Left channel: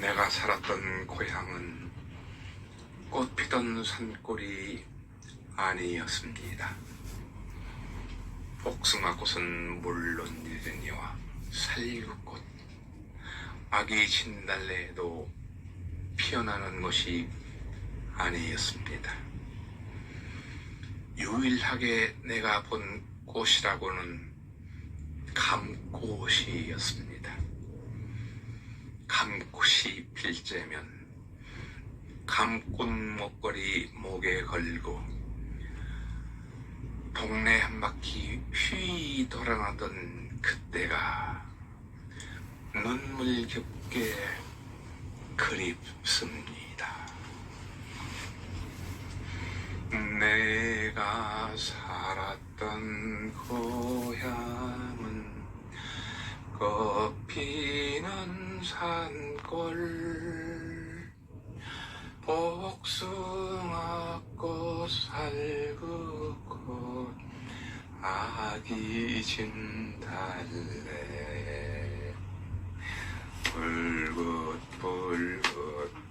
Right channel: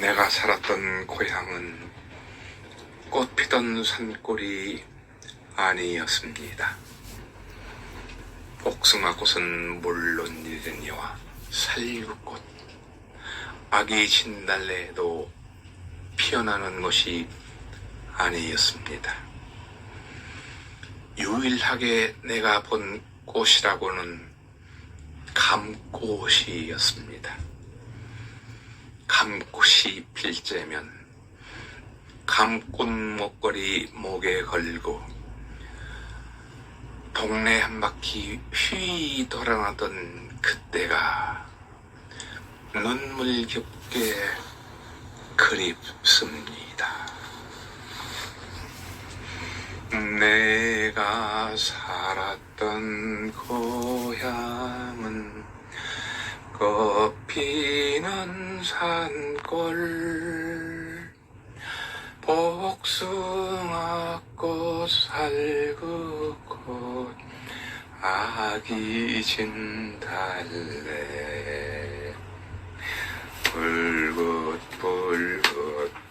내가 살았던 고향은 꽃 피던 산골이 아니었습니다. 복숭아꽃은 물론이니와 살구꽃, 아기 진달래도 피어나는 곳이 아니었습니다. 유일하게 내가 본 꽃이라고는 감꽃이었습니다. 감꽃이 필 때면 감꽃 목걸이 목에 걸고 동네 한 바퀴 휘 돌아나던 그때가 눈물겹게 그립습니다. 내가 살았던 고향은 꽃피는 산골 복숭아꽃 살구꽃 아기 진달래. 붉긋붉긋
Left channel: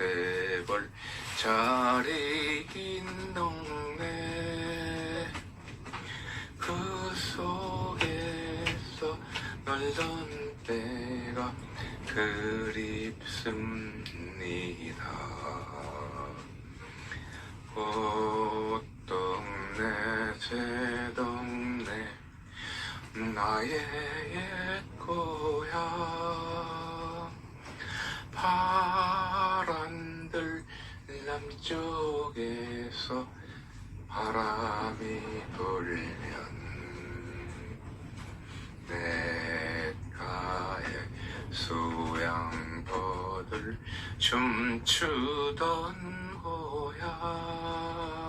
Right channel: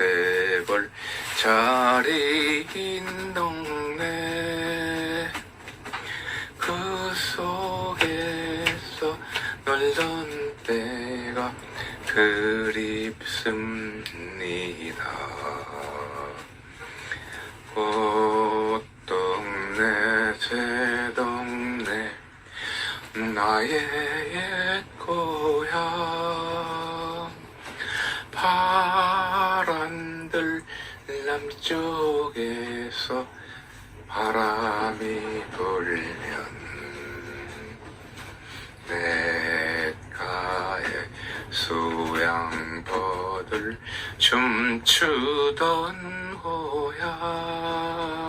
꽃대벌 자리 인 동 때가 그립습니다. 꽃동네 제 동네 나의 옛 고향 파란들 남쪽에서 바람이 불면 냇가에 수양버들 춤추던 고향